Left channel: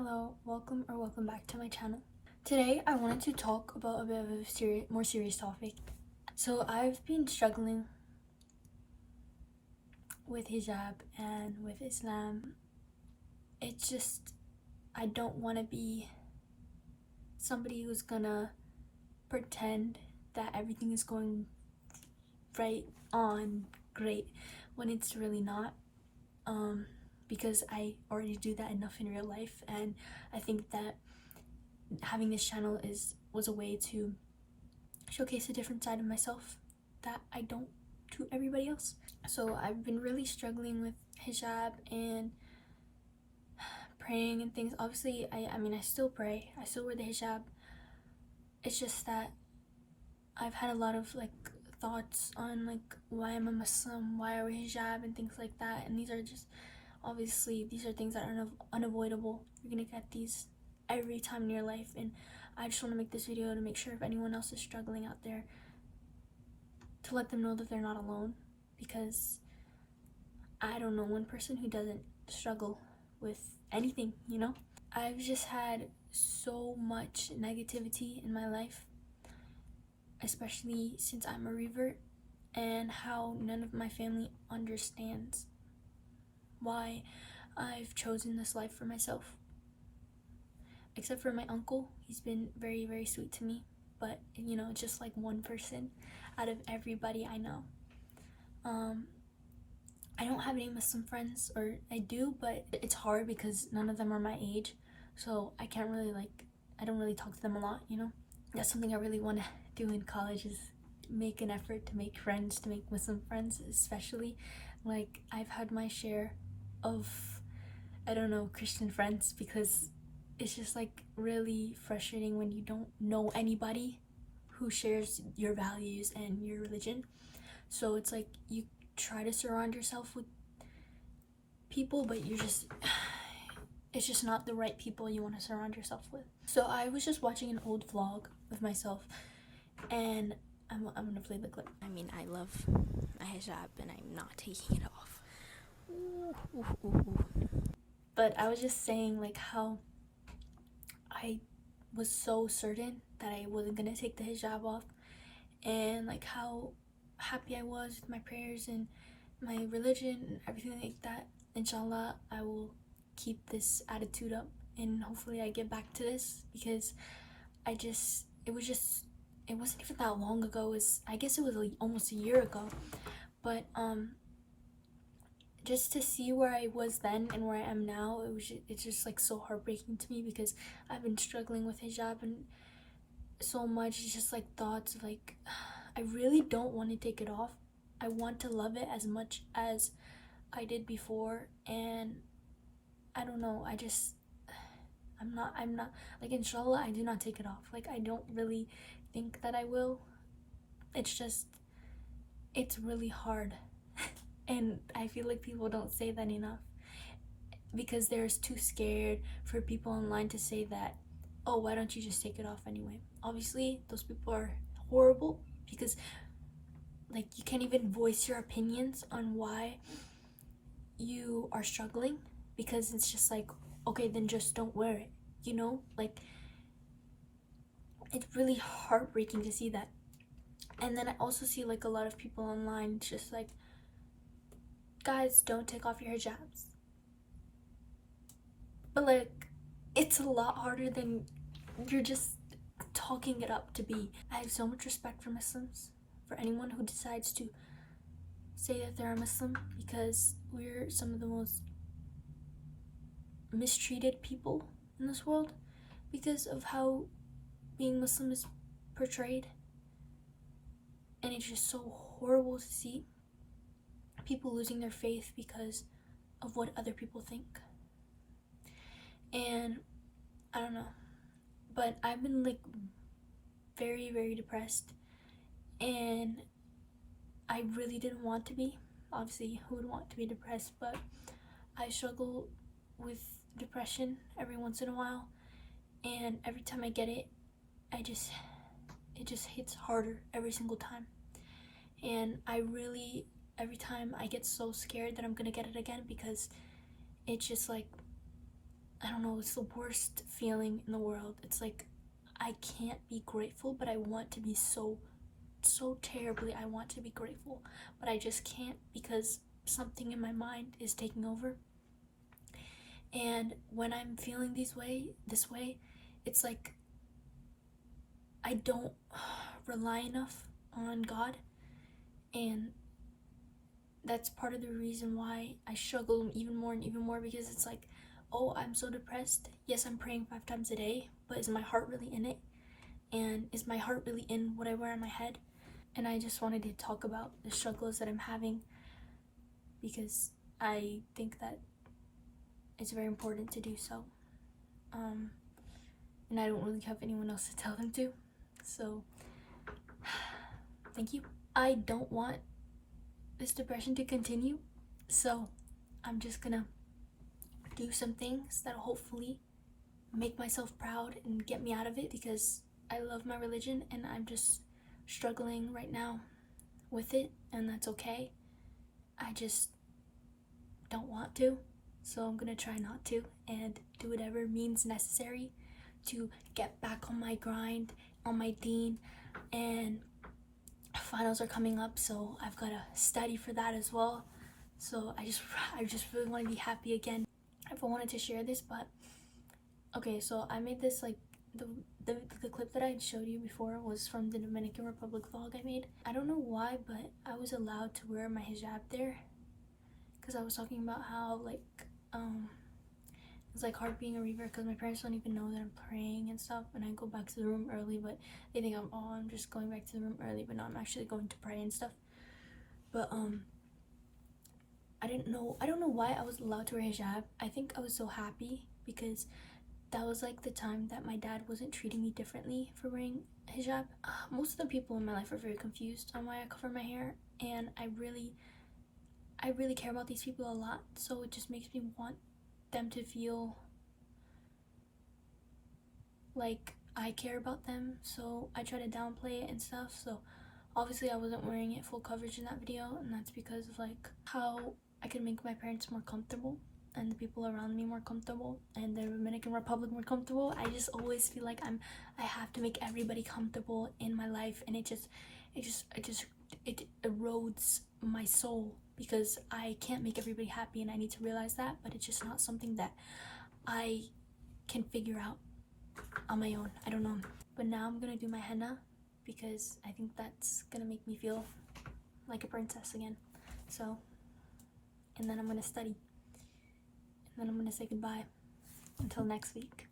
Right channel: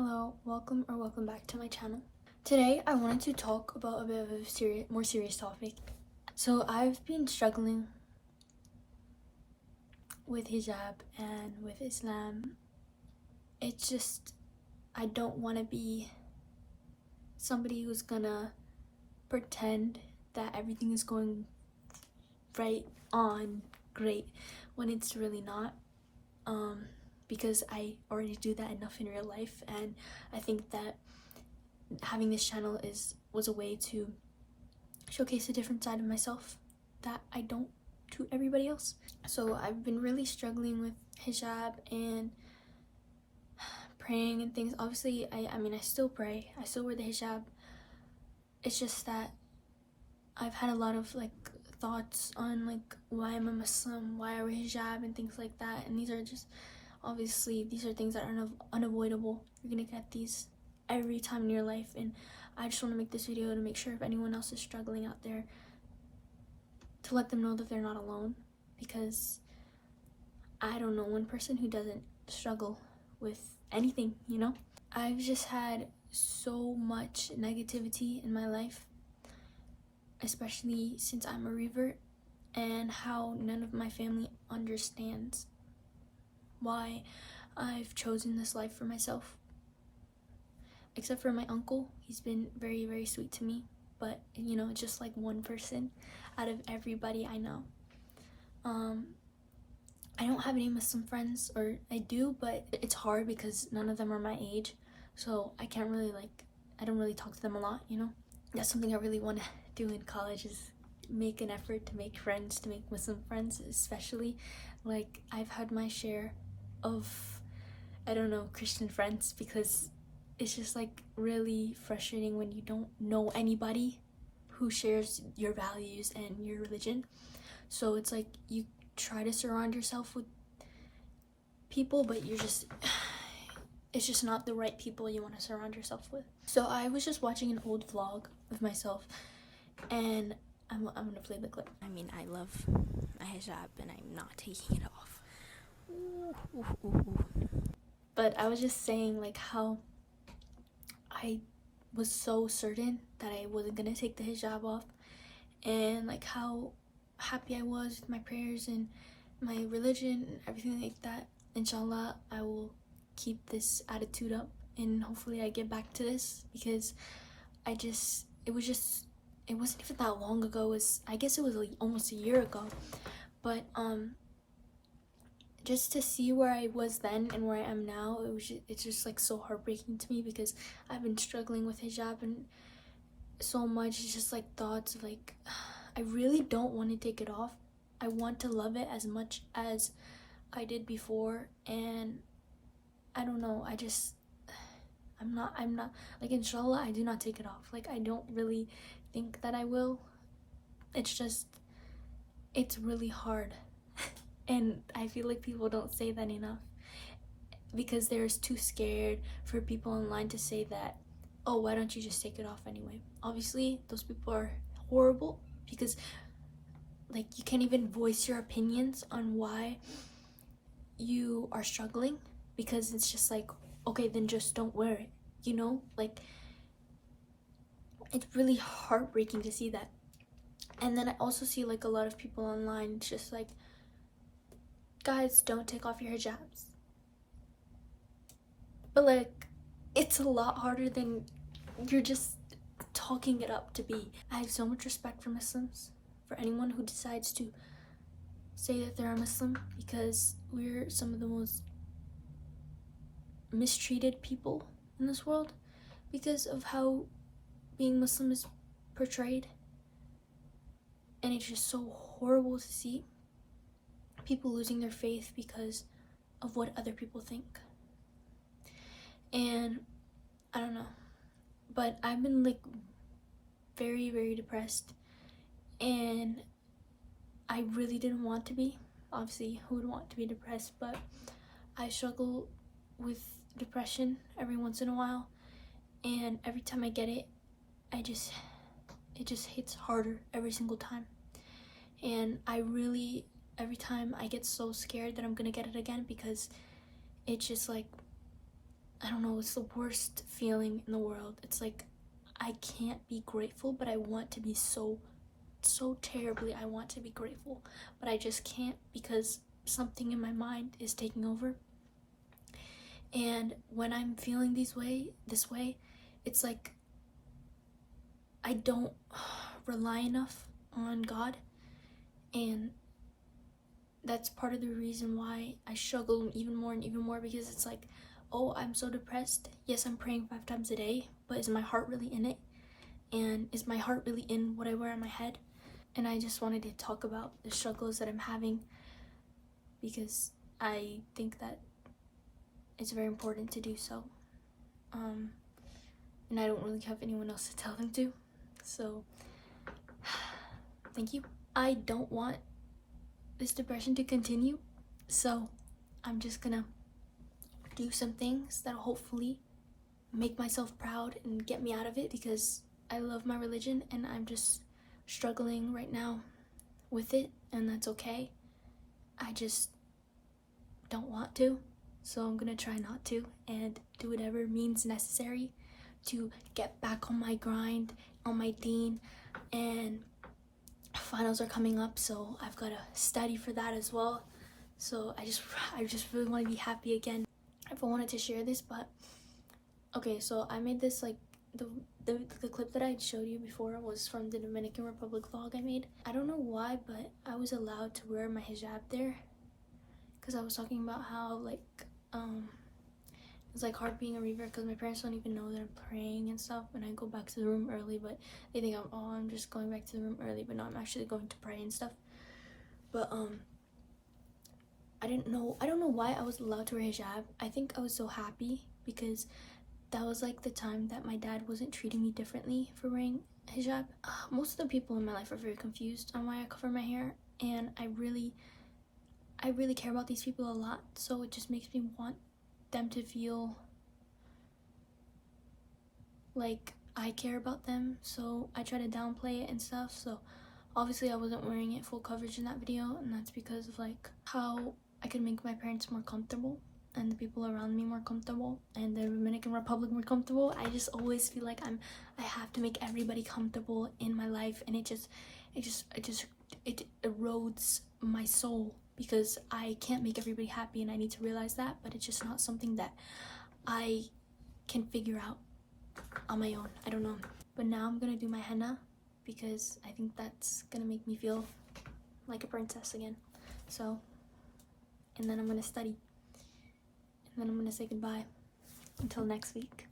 Hello, welcome back to my channel. Today I wanted to talk about a bit of a more serious topic. So I've been struggling with hijab and with Islam. It's just, I don't want to be somebody who's gonna pretend that everything is going right on great when it's really not. Because I already do that enough in real life, and I think that having this channel was a way to showcase a different side of myself that I don't to everybody else. So I've been really struggling with hijab and praying and things. Obviously, I mean I still pray, I still wear the hijab. It's just that I've had a lot of thoughts on why I'm a Muslim, why I wear hijab and things like that, and these are just obviously these are things that are unavoidable. You're gonna get these every time in your life, and I just want to make this video to make sure if anyone else is struggling out there, to let them know that they're not alone, because I don't know one person who doesn't struggle with anything, you know? I've just had so much negativity in my life, especially since I'm a revert, and how none of my family understands why I've chosen this life for myself. Except for my uncle, he's been very, very sweet to me, but you know, just like one person out of everybody I know. I don't have any Muslim friends, or I do, but it's hard because none of them are my age, so I can't really I don't really talk to them a lot, you know? That's something I really want to do in college, is make an effort to make friends, to make Muslim friends, especially. I've had my share of, I don't know, Christian friends, because it's just really frustrating when you don't know anybody who shares your values and your religion. So it's you try to surround yourself with people, but it's just not the right people you want to surround yourself with. So I was just watching an old vlog of myself, and I'm gonna play the clip. I mean, I love my hijab and I'm not taking it off. Ooh. But I was just saying how I was so certain that I wasn't gonna take the hijab off, and how happy I was with my prayers and my religion and everything like that. Inshallah, I will keep this attitude up, and hopefully I get back to this, because it wasn't even that long ago. I guess it was almost a year ago, but just to see where I was then and where I am now, it's just so heartbreaking to me, because I've been struggling with hijab and so much. It's just thoughts of I really don't want to take it off. I want to love it as much as I did before, and I don't know, I'm not inshallah I do not take it off. I don't really think that I will. It's really hard. And I feel like people don't say that enough, because they're too scared for people online to say that, oh, why don't you just take it off anyway? Obviously those people are horrible, because you can't even voice your opinions on why you are struggling, because it's just okay, then just don't wear it, you know? It's really heartbreaking to see that. And then I also see a lot of people online just guys, don't take off your hijabs. But it's a lot harder than you're just talking it up to be. I have so much respect for Muslims, for anyone who decides to say that they're a Muslim, because we're some of the most mistreated people in this world because of how being Muslim is portrayed. And it's just so horrible to see people losing their faith because of what other people think. And I don't know, but I've been very, very depressed, and I really didn't want to be. Obviously, who would want to be depressed? But I struggle with depression every once in a while, and every time I get it, it just hits harder every single time. And every time I get so scared that I'm gonna get it again, because it's just I don't know, it's the worst feeling in the world. It's like I can't be grateful, but I want to be so terribly. I want to be grateful, but I just can't because something in my mind is taking over. And when I'm feeling this way, it's like I don't rely enough on God, and that's part of the reason why I struggle even more and even more, because it's like, oh, I'm so depressed. Yes, I'm praying 5 times a day, but is my heart really in it? And is my heart really in what I wear on my head? And I just wanted to talk about the struggles that I'm having, because I think that it's very important to do so. And I don't really have anyone else to tell them to. So, thank you. I don't want this depression to continue, so I'm just gonna do some things that'll hopefully make myself proud and get me out of it, because I love my religion and I'm just struggling right now with it, and that's okay. I just don't want to, so I'm gonna try not to and do whatever means necessary to get back on my grind, on my deen. And finals are coming up, so I've got to study for that as well. So I just really want to be happy again. I've wanted to share this, but okay, so I made this, like, the clip that I showed you before was from the Dominican Republic vlog I made. I don't know why, but I was allowed to wear my hijab there, because I was talking about how, like, it's like hard being a reaver because my parents don't even know that I'm praying and stuff, and I go back to the room early, but they think I'm just going back to the room early, but no, I'm actually going to pray and stuff. But I don't know why I was allowed to wear hijab. I think I was so happy because that was like the time that my dad wasn't treating me differently for wearing hijab. Most of the people in my life are very confused on why I cover my hair, and I really care about these people a lot, so it just makes me want them to feel like I care about them, so I try to downplay it and stuff. So obviously I wasn't wearing it full coverage in that video, and that's because of like how I can make my parents more comfortable and the people around me more comfortable and the Dominican Republic more comfortable. I just always feel like I have to make everybody comfortable in my life, and it erodes my soul, because I can't make everybody happy, and I need to realize that, but it's just not something that I can figure out on my own. I don't know. But now I'm gonna do my henna, because I think that's gonna make me feel like a princess again. So, and then I'm gonna study, and then I'm gonna say goodbye until next week.